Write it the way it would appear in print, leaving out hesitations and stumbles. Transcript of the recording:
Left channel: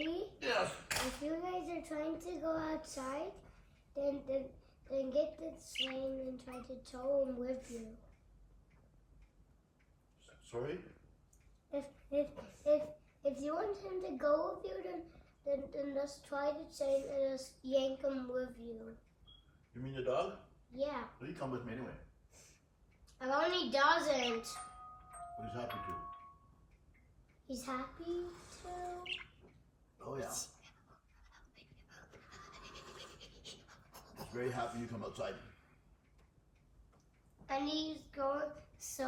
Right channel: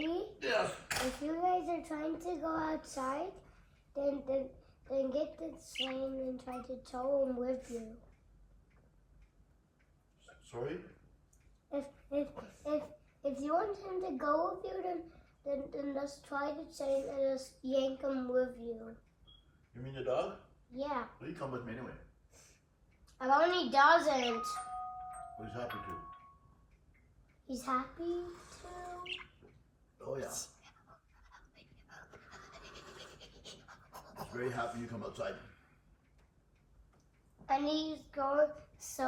Ready? Yes. If you guys are trying to go outside, then get the chain and try to tow him with you. Sorry? If you want him to go with you, then just try the chain and just yank him with you. You mean the dog? Yeah. Well, he come with me anyway. Well, he doesn't. Well, he's happy to. He's happy to. Oh yeah. He's very happy you come outside. And he's going so